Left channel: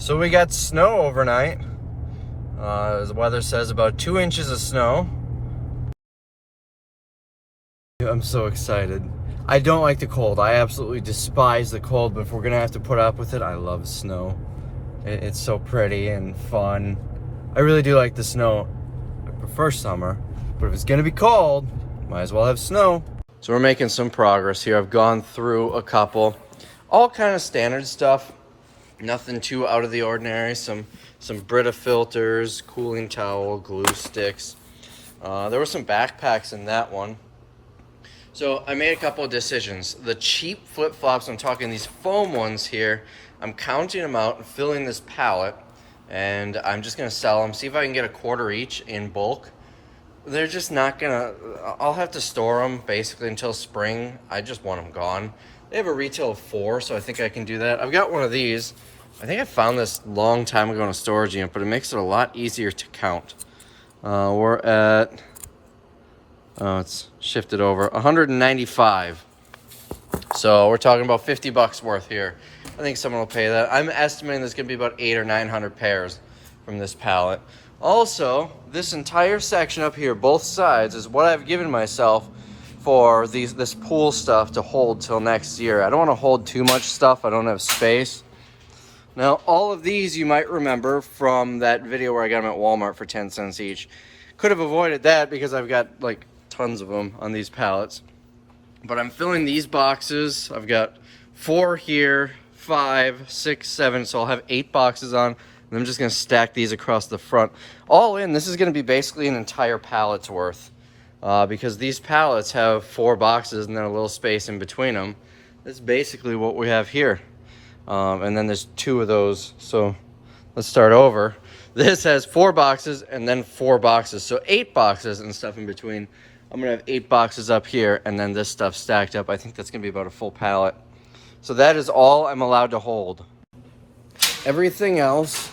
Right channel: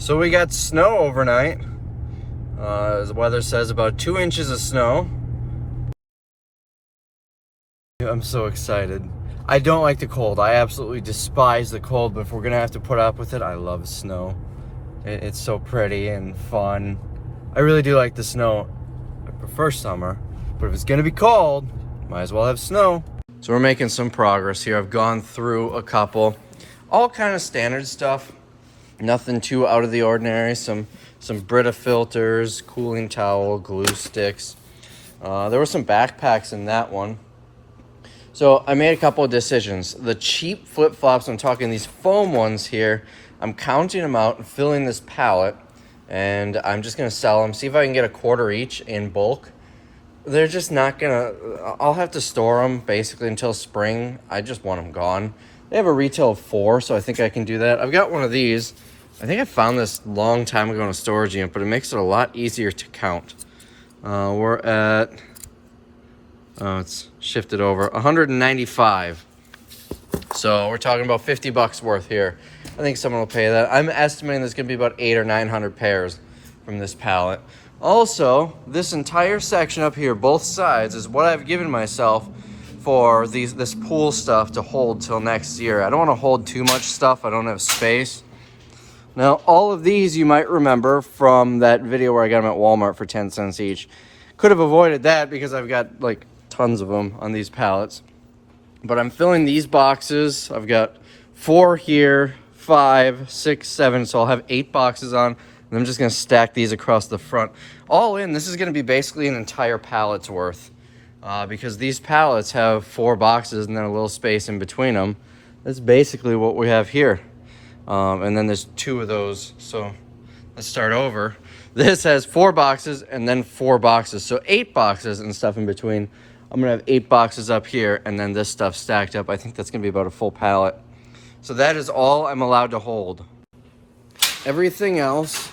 So we got snow overnight. The weather says about 2 inches of snow. I'm so excited. I don't like the cold. I absolutely despise the cold, but if we're gonna have to put up with it, I love snow. It's so pretty and fun. I really do like the snow. I prefer summer, but if it's gonna be cold, might as well have snow. So we're making some progress here. I've gone through a couple, all kind of standard stuff. Nothing too out of the ordinary. Some Brita filters, cooling towel, glue sticks. There were some backpacks in that one. So I made a couple of decisions. The cheap flip-flops, I'm talking these foam ones here, I'm counting them out and filling this pallet, and I'm just gonna sell them, see if I can get a quarter each in bulk. They're just not gonna, I'll have to store them basically until spring. I just want them gone. They have a retail of 4, so I think I can do that. I've got one of these. I think I found this a long time ago in a storage unit, but it makes it a lot easier to count. We're at, it's shifted over, 195. So we're talking about 50 bucks worth here. I think someone will pay that. I'm estimating there's gonna be about 800 or 900 pairs from this pallet. Also, this entire section up here, both sides, is what I've given myself for this pool stuff to hold till next year. I don't want to hold too much stuff. I don't have space. Now, all of these you might remember from that video where I got them at Walmart for 10 cents each. Could have avoided that because I've got like tons of them on these pallets. But I'm filling these boxes. I've got 4 here, 5, 6, 7. So I'll have 8 boxes on. And I'm just gonna stack these across the front. All in, this is gonna be basically an entire pallet's worth. Because these pallets have 4 boxes and then a little space in between them. That's basically what we have here. And then there's 2 of those. So let's start over. This has 4 boxes and then 4 boxes. So 8 boxes and stuff in between. I'm gonna have 8 boxes up here and then this stuff stacked up. I think that's gonna be about a full pallet. So that is all I'm allowed to hold. Everything else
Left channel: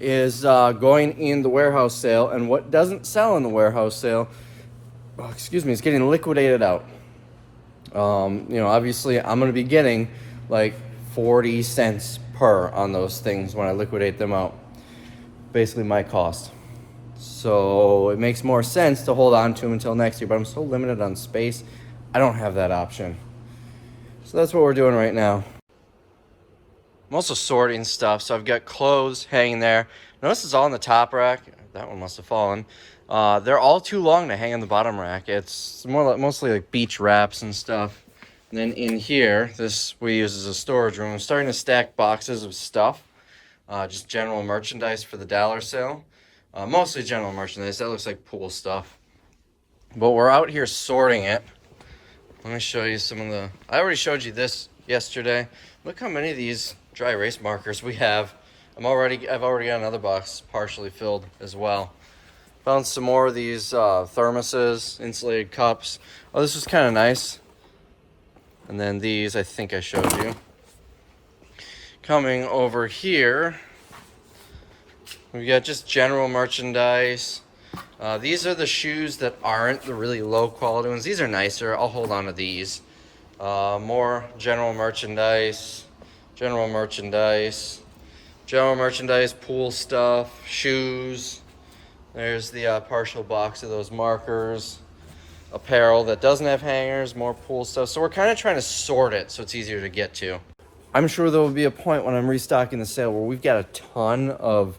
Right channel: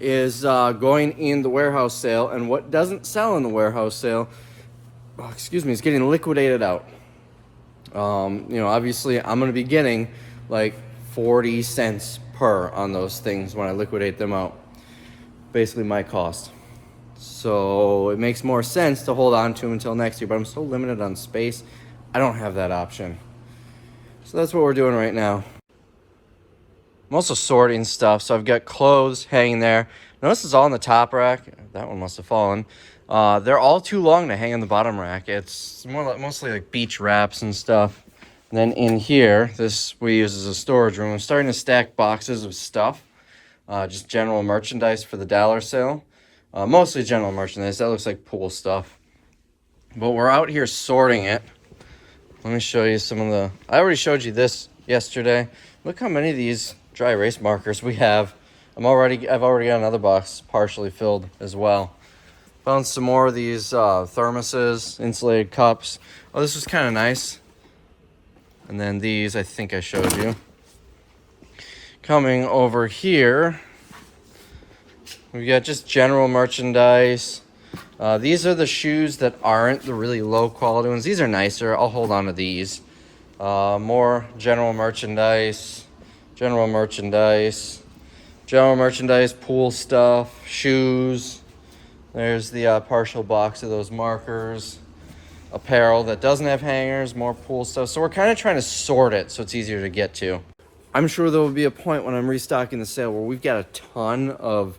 is going in the warehouse sale, and what doesn't sell in the warehouse sale, it's getting liquidated out. You know, obviously I'm gonna be getting like 40 cents per on those things when I liquidate them out. Basically my cost. So it makes more sense to hold on to them until next year, but I'm still limited on space. I don't have that option. So that's what we're doing right now. I'm also sorting stuff, so I've got clothes hanging there. Notice it's all on the top rack. That one must have fallen. They're all too long to hang on the bottom rack. It's mostly like beach wraps and stuff. And then in here, this we use as a storage room. I'm starting to stack boxes of stuff. Just general merchandise for the dollar sale. Mostly general merchandise. That looks like pool stuff. But we're out here sorting it. Let me show you some of the... I already showed you this yesterday. Look how many of these dry erase markers we have. I've already got another box partially filled as well. Found some more of these thermoses, insulated cups. Oh, this is kind of nice. And then these, I think I showed you. Coming over here, we've got just general merchandise. These are the shoes that aren't the really low quality ones. These are nicer. I'll hold on to these. More general merchandise, pool stuff, shoes. There's the partial box of those markers. Apparel that doesn't have hangers, more pool stuff. So we're kind of trying to sort it so it's easier to get to. I'm sure there will be a point when I'm restocking the sale where we've got a ton of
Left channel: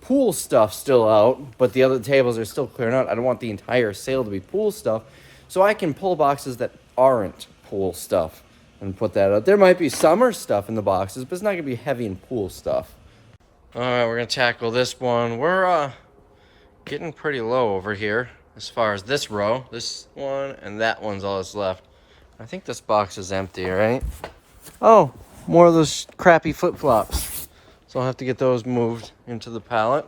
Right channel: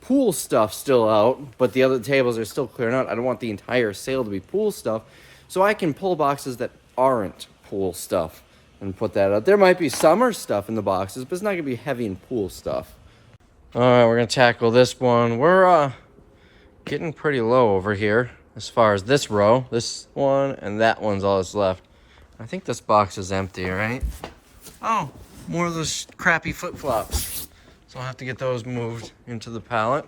pool stuff still out, but the other tables are still clearing out. I don't want the entire sale to be pool stuff, so I can pull boxes that aren't pool stuff and put that out. There might be summer stuff in the boxes, but it's not gonna be heavy in pool stuff. All right, we're gonna tackle this one. We're getting pretty low over here as far as this row. This one and that one's all that's left. I think this box is empty, right? Oh, more of those crappy flip-flops. So I'll have to get those moved into the pallet.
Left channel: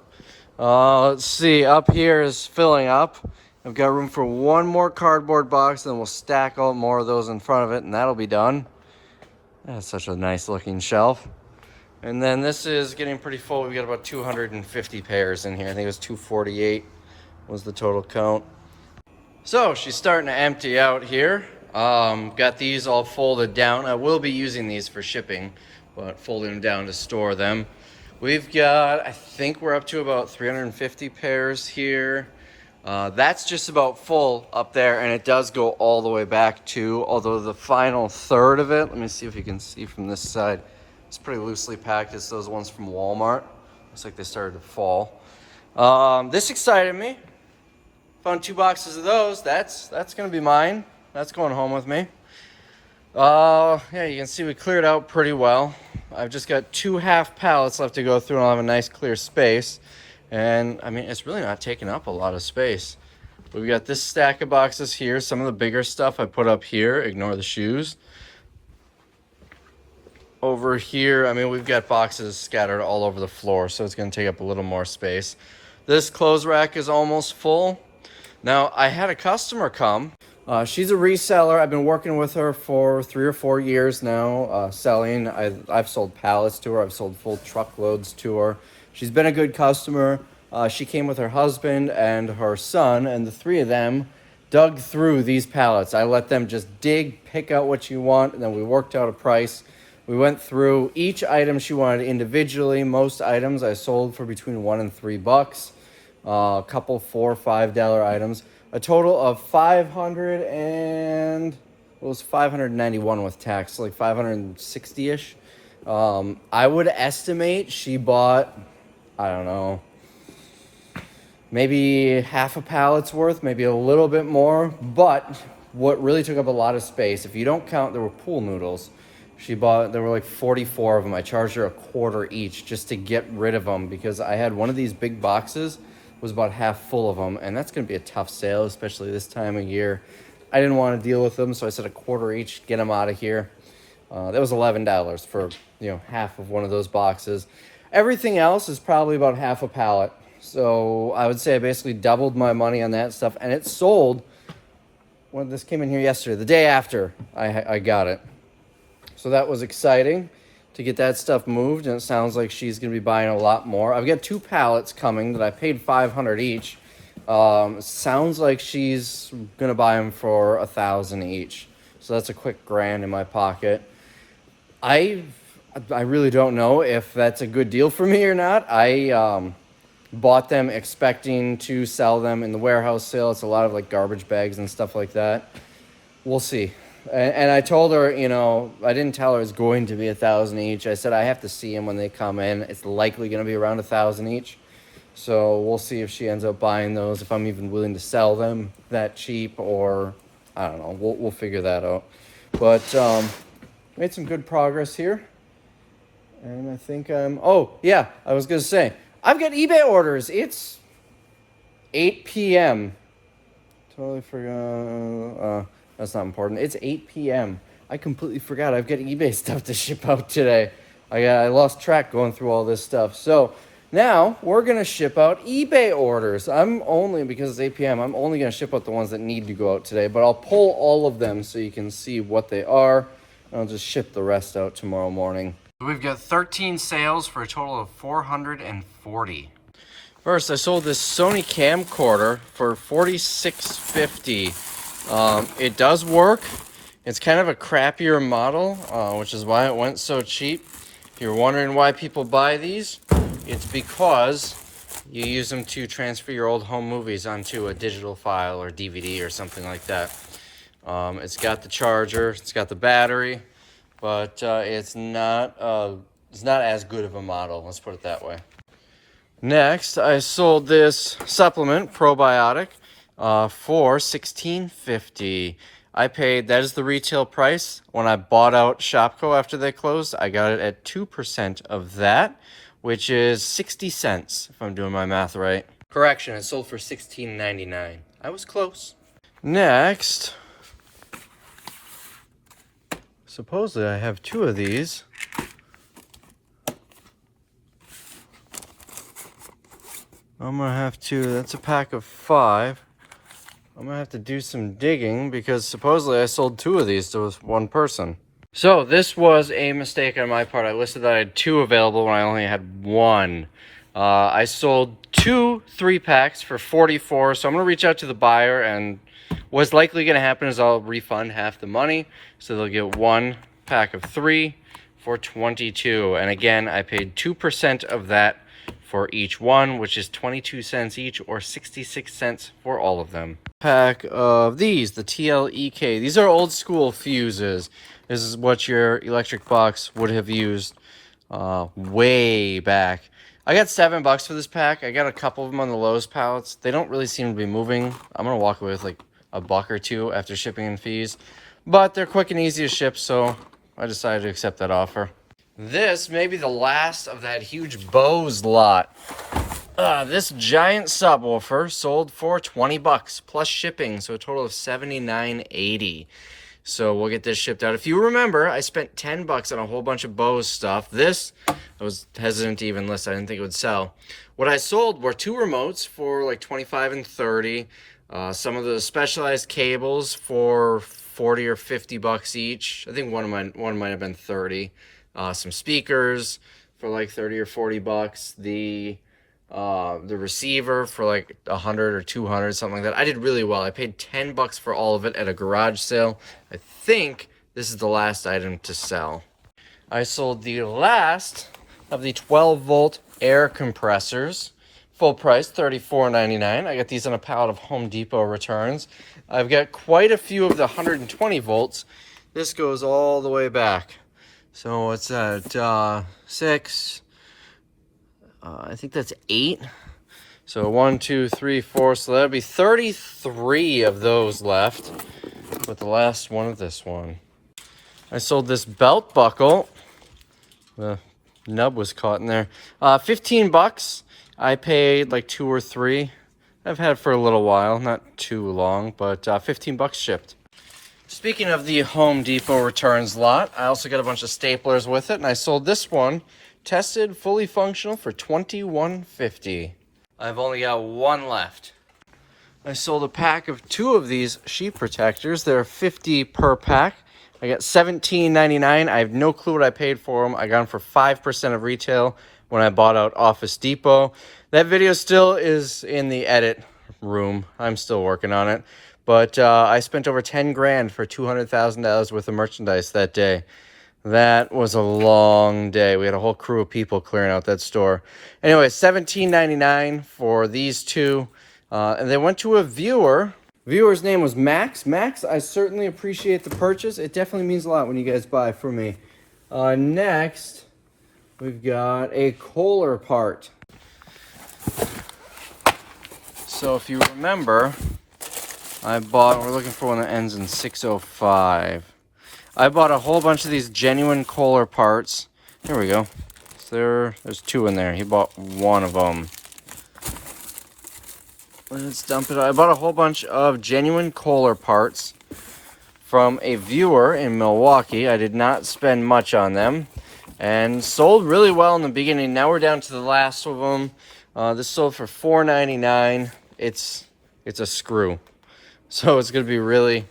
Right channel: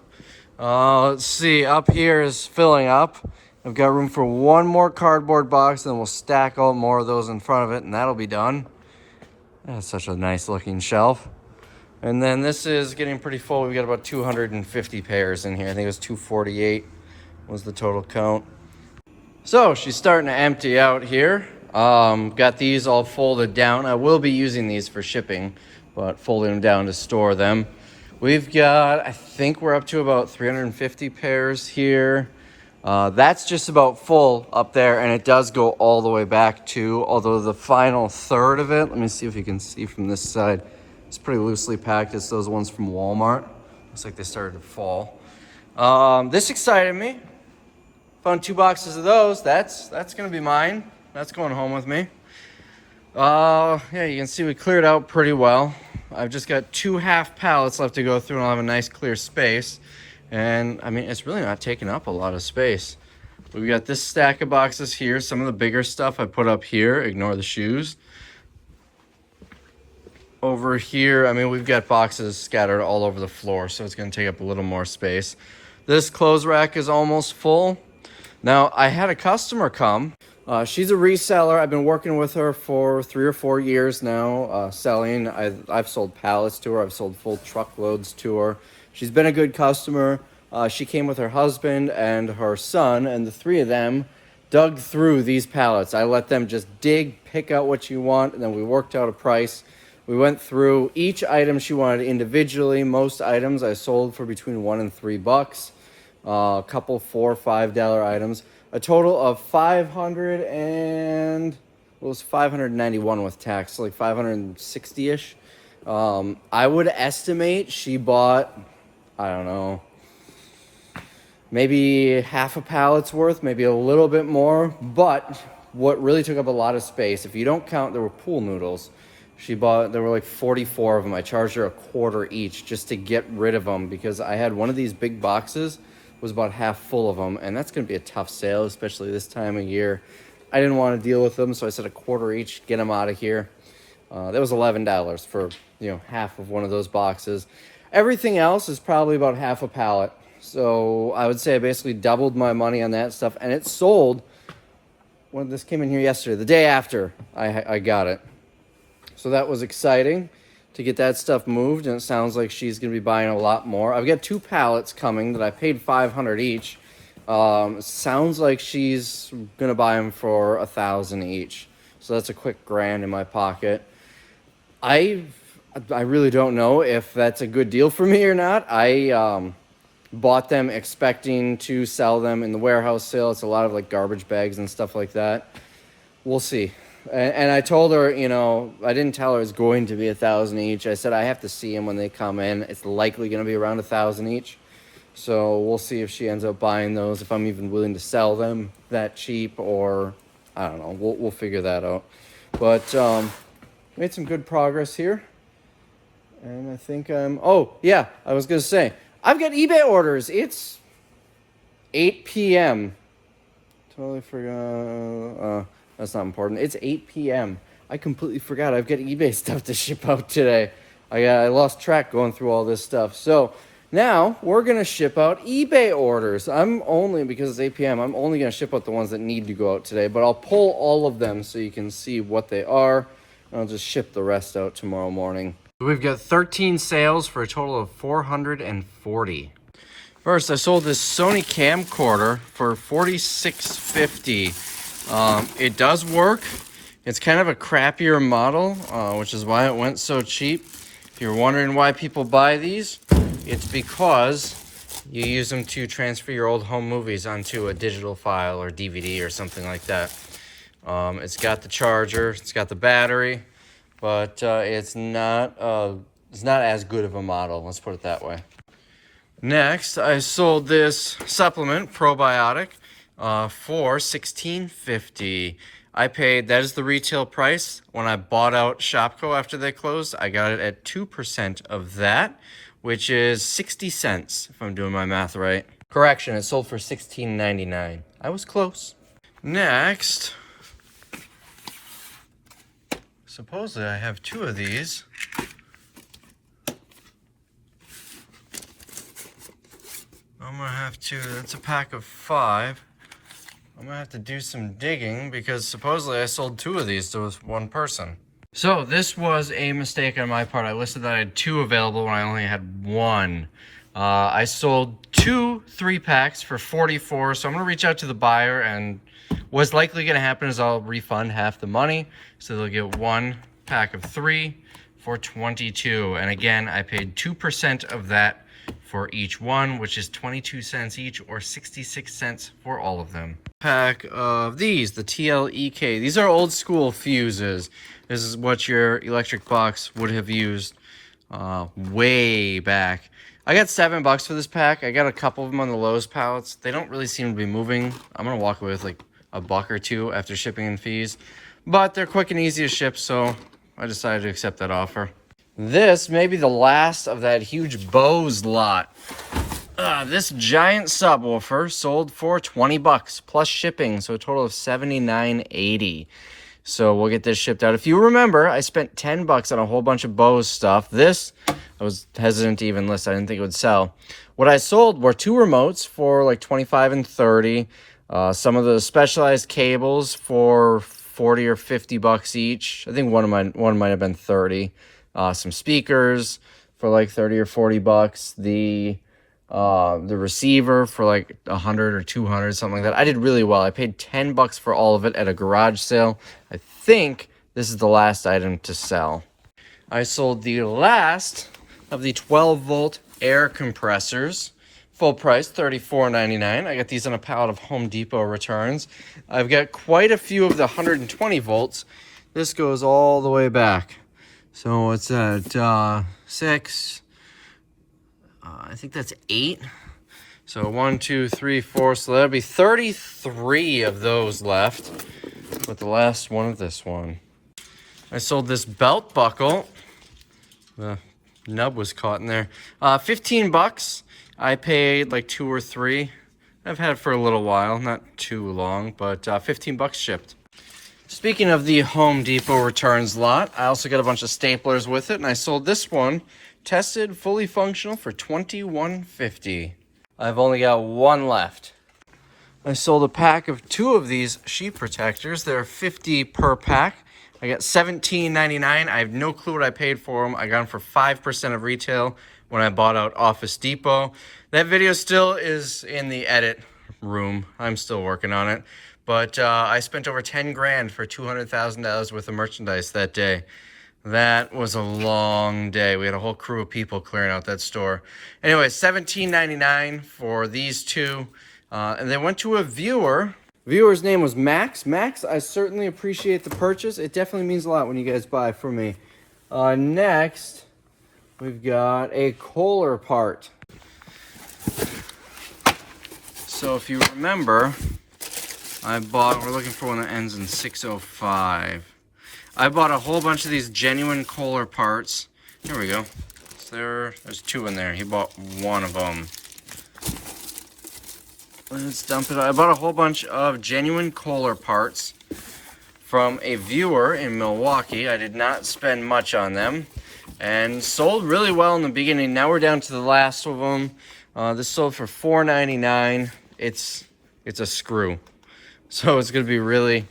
Let's see, up here is filling up. I've got room for one more cardboard box, then we'll stack all more of those in front of it, and that'll be done. That's such a nice looking shelf. And then this is getting pretty full. We've got about 250 pairs in here. I think it was 248 was the total count. So she's starting to empty out here. Got these all folded down. I will be using these for shipping, but folding them down to store them. We've got, I think we're up to about 350 pairs here. That's just about full up there, and it does go all the way back too, although the final third of it, let me see if you can see from this side, it's pretty loosely packed. It's those ones from Walmart. Looks like they started to fall. This excited me. Found 2 boxes of those. That's gonna be mine. That's going home with me. Yeah, you can see we cleared out pretty well. I've just got 2 half pallets left to go through, and I'll have a nice clear space. And I mean, it's really not taking up a lot of space. We've got this stack of boxes here. Some of the bigger stuff I put up here. Ignore the shoes. Over here, I mean, we've got boxes scattered all over the floor, so it's going to take up a little more space. This clothes rack is almost full. Now, I had a customer come. She's a reseller. I've been working with her for 3 or 4 years now, selling. I've sold pallets to her. I've sold full truckloads to her. She's been a good customer. She came with her husband and her son, and the 3 of them dug through these pallets. I let them just dig, pick out what you want, and then we worked out a price. We went through each item she wanted individually. Most items I sold for between $1 and $3. A couple $4 or $5 items. A total of 591 with tax, so like 560-ish. I would estimate she bought, I don't know, maybe half a pallet's worth, maybe a little bit more. But what really took up a lot of space, if you don't count, there were pool noodles. There were like 44 of them. I charged her $1/4 each just to get rid of them, because I had one of these big boxes was about half full of them, and that's going to be a tough sale, especially this time of year. I didn't want to deal with them, so I said $1/4 each, get them out of here. That was $11 for, half of one of those boxes. Everything else is probably about half a pallet. So I would say I basically doubled my money on that stuff, and it sold when this came in here yesterday, the day after I got it. So that was exciting to get that stuff moved, and it sounds like she's going to be buying a lot more. I've got 2 pallets coming that I paid $500 each. Sounds like she's going to buy them for $1,000 each. So that's a quick grand in my pocket. I really don't know if that's a good deal for me or not. I bought them expecting to sell them in the warehouse sale. It's a lot of like garbage bags and stuff like that. We'll see. And I told her, I didn't tell her it's going to be $1,000 each. I said I have to see them when they come in. It's likely going to be around $1,000 each. So we'll see if she ends up buying those, if I'm even willing to sell them that cheap, or I don't know. We'll figure that out. But made some good progress here. And I think oh, yeah, I was going to say, I've got eBay orders. It's 8 p.m. Totally forgot. That's not important. It's 8 p.m. I completely forgot I've got eBay stuff to ship out today. I lost track going through all this stuff. So now we're going to ship out eBay orders. Because it's 8 p.m., I'm only going to ship out the ones that need to go out today. But I'll pull all of them so you can see what they are. I'll just ship the rest out tomorrow morning. We've got 13 sales for a total of 440. First, I sold this Sony camcorder for $46.50. It does work. It's kind of a crappier model, which is why it went so cheap. If you're wondering why people buy these, it's because you use them to transfer your old home movies onto a digital file or DVD or something like that. It's got the charger, it's got the battery, but it's not as good of a model, let's put it that way. Next, I sold this supplement, probiotic, for $16.50. That is the retail price. When I bought out Shopko after they closed, I got it at 2% of that, which is 60 cents, if I'm doing my math right. Correction, it sold for $16.99. I was close. Next, supposedly I have 2 of these. I'm gonna have to, that's a pack of 5. I'm gonna have to do some digging because supposedly I sold 2 of these to one person. So this was a mistake on my part. I listed that I had 2 available when I only had 1. I sold 2 3-packs for $44. So I'm gonna reach out to the buyer, and what's likely gonna happen is I'll refund half the money. So they'll get 1 pack of 3 for $22. And again, I paid 2% of that for each one, which is 22 cents each, or 66 cents for all of them. Pack of these, the TLEK. These are old school fuses. This is what your electric box would have used way back. I got $7 for this pack. I got a couple of them on the Lowe's pallets. They don't really seem to be moving. I'm gonna walk away with like a buck or two after shipping and fees, but they're quick and easy to ship, so I decided to accept that offer. This may be the last of that huge Bose lot. This giant subwoofer sold for $20 plus shipping, so a total of $79.80. So we'll get this shipped out. If you remember, I spent $10 on a whole bunch of Bose stuff. This, I was hesitant to even list. I didn't think it would sell. What I sold were 2 remotes for like $25 and $30. Some of the specialized cables for $40 or $50 each. I think one might have been $30. Some speakers for like $30 or $40. The receiver for like $100 or $200, something like that. I did really well. I paid $10 for all of it at a garage sale. I think this is the last item to sell. I sold the last of the 12-volt air compressors. Full price, $34.99. I got these on a pallet of Home Depot returns. I've got quite a few of the 120 volts. This goes all the way back. So what's that? 6. I think that's 8. So 1, 2, 3, 4. So that'd be 33 of those left, with the last one of this one. I sold this belt buckle. The nub was caught in there. $15. I paid like 2 or 3. I've had it for a little while, not too long, but $15 shipped. Speaking of the Home Depot returns lot, I also got a bunch of staplers with it, and I sold this one, tested, fully functional, for $21.50. I've only got one left. I sold a pack of 2 of these sheet protectors. They're $50 per pack. I got $17.99. I have no clue what I paid for them. I got them for 5% of retail when I bought out Office Depot. That video still is in the edit room. I'm still working on it. But I spent over 10 grand for $200,000 worth of merchandise that day. That was a long day. We had a whole crew of people clearing out that store. Anyway, $17.99 for these 2. And they went to a viewer. Viewer's name was Max. Max, I certainly appreciate the purchase. It definitely means a lot when you guys buy from me. Next, we've got a Kohler part. So if you remember, we're looking for one that ends in 605. I bought a whole bunch of these genuine Kohler parts. Here we go. So there's 2 in there. He bought one of them. Let's dump it out. I bought a whole bunch of genuine Kohler parts from a viewer in Milwaukee. I did not spend much on them, and sold really well in the beginning. Now we're down to the last of them. This sold for $4.99. It's a screw, so it's gonna be really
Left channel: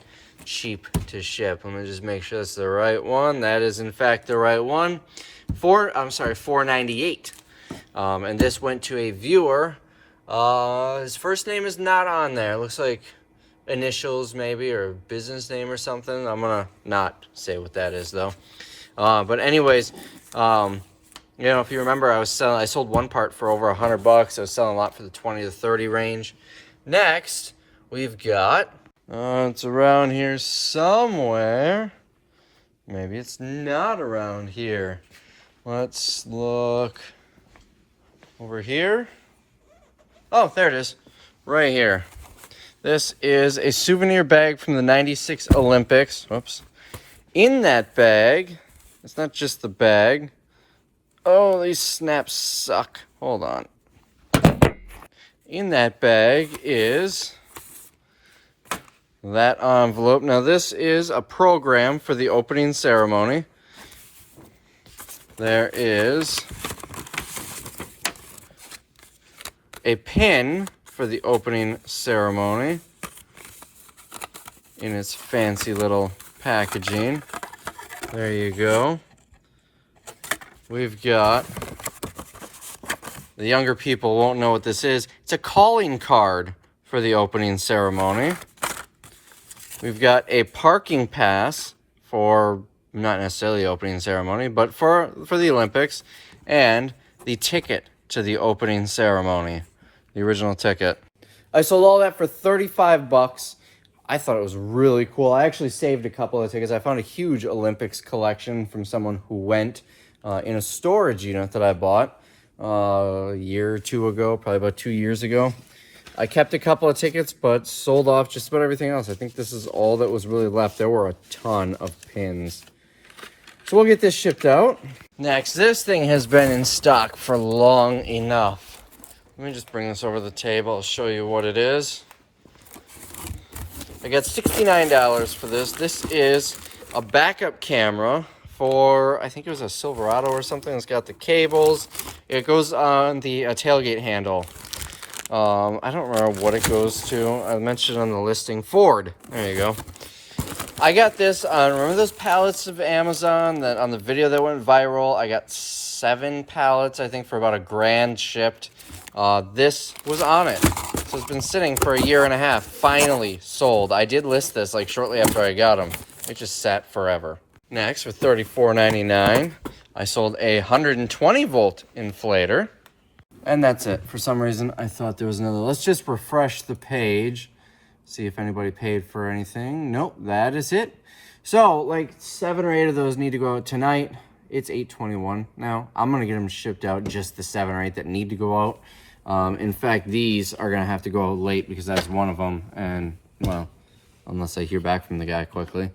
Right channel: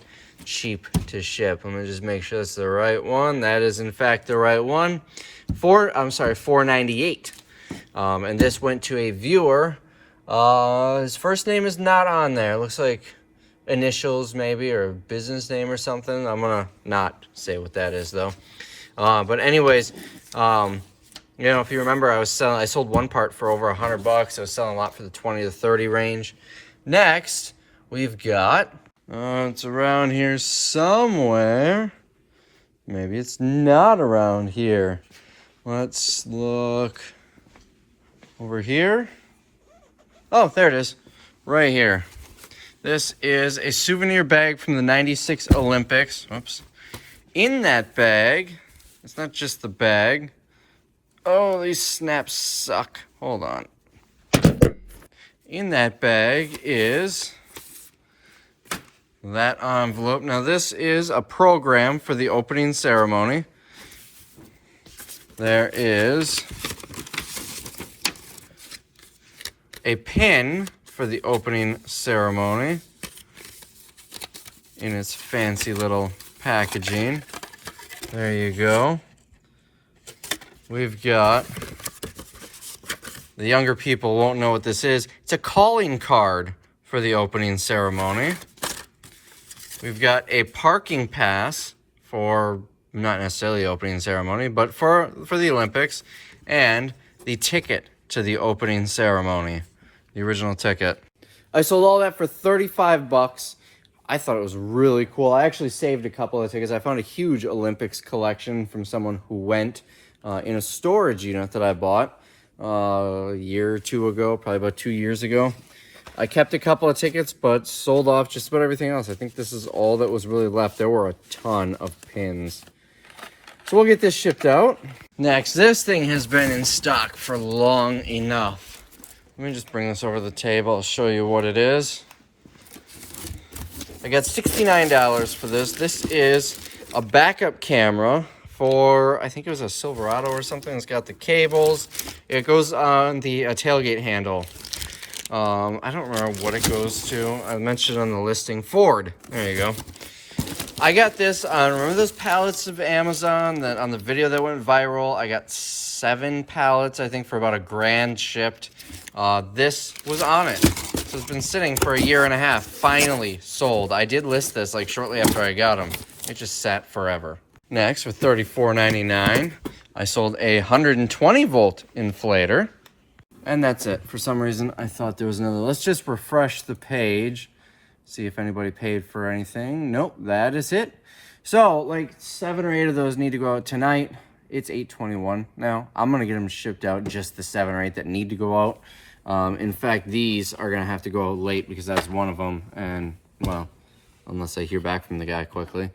cheap to ship. I'm gonna just make sure it's the right one. That is in fact the right one. $4.98. And this went to a viewer. His first name is not on there. It looks like initials maybe, or business name or something. I'm gonna not say what that is though. But anyways, you know, if you remember, I sold one part for over $100. I was selling a lot for the 20 to 30 range. Next, we've got, it's around here somewhere. Maybe it's not around here. Let's look over here. Oh, there it is, right here. This is a souvenir bag from the '96 Olympics. Oops. In that bag, it's not just the bag. Oh, these snaps suck. Hold on. In that bag is that envelope. Now, this is a program for the opening ceremony. There is a pin for the opening ceremony in its fancy little packaging. There you go. We've got, the younger people won't know what this is. It's a calling card for the opening ceremony. We've got a parking pass for not necessarily the opening ceremony, but for the Olympics, and the ticket to the opening ceremony, the original ticket. I sold all that for 35 bucks. I thought it was really cool. I actually saved a couple of tickets. I found a huge Olympics collection from someone who went in a storage unit that I bought a year or two ago, probably about 2 years ago. I kept a couple of tickets, but sold off just about everything else. I think this is all that was really left. There were a ton of pins. So we'll get this shipped out. Next, this thing has been in stock for long enough. Let me just bring this over the table. I'll show you what it is. I got $69 for this. This is a backup camera for, I think it was a Silverado or something. It's got the cables. It goes on the tailgate handle. I don't remember what it goes to. I mentioned on the listing, Ford. There you go. I got this on, remember those pallets of Amazon that on the video that went viral? I got 7 pallets, I think, for about $1,000 shipped. This was on it. So it's been sitting for a year and a half. Finally sold. I did list this like shortly after I got them. It just sat forever. Next, for $34.99, I sold a 120 volt inflator. And that's it. For some reason, I thought there was another. Let's just refresh the page. See if anybody paid for anything. Nope, that is it. So, like 7 or 8 of those need to go out tonight. It's 8:21 now. I'm going to get them shipped out, just the 7 or 8 that need to go out. In fact, these are going to have to go out late because that's one of them. And, well, unless I hear back from the guy quickly.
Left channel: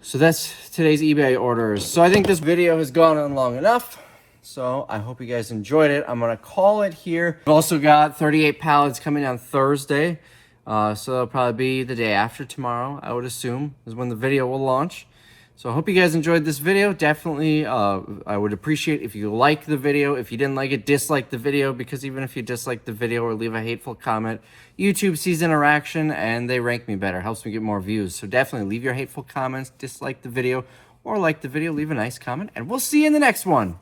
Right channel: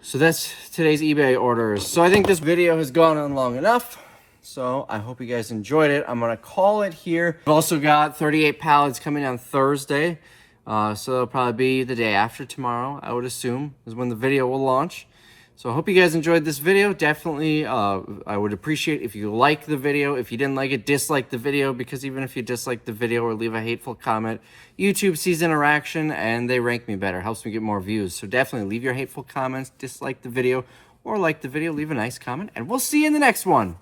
So that's today's eBay orders. So I think this video has gone on long enough. So I hope you guys enjoyed it. I'm going to call it here. I've also got 38 pallets coming on Thursday. So it'll probably be the day after tomorrow, I would assume, is when the video will launch. So I hope you guys enjoyed this video. Definitely, I would appreciate if you like the video. If you didn't like it, dislike the video, because even if you dislike the video or leave a hateful comment, YouTube sees interaction and they rank me better. Helps me get more views. So definitely leave your hateful comments, dislike the video, or like the video, leave a nice comment, and we'll see you in the next one.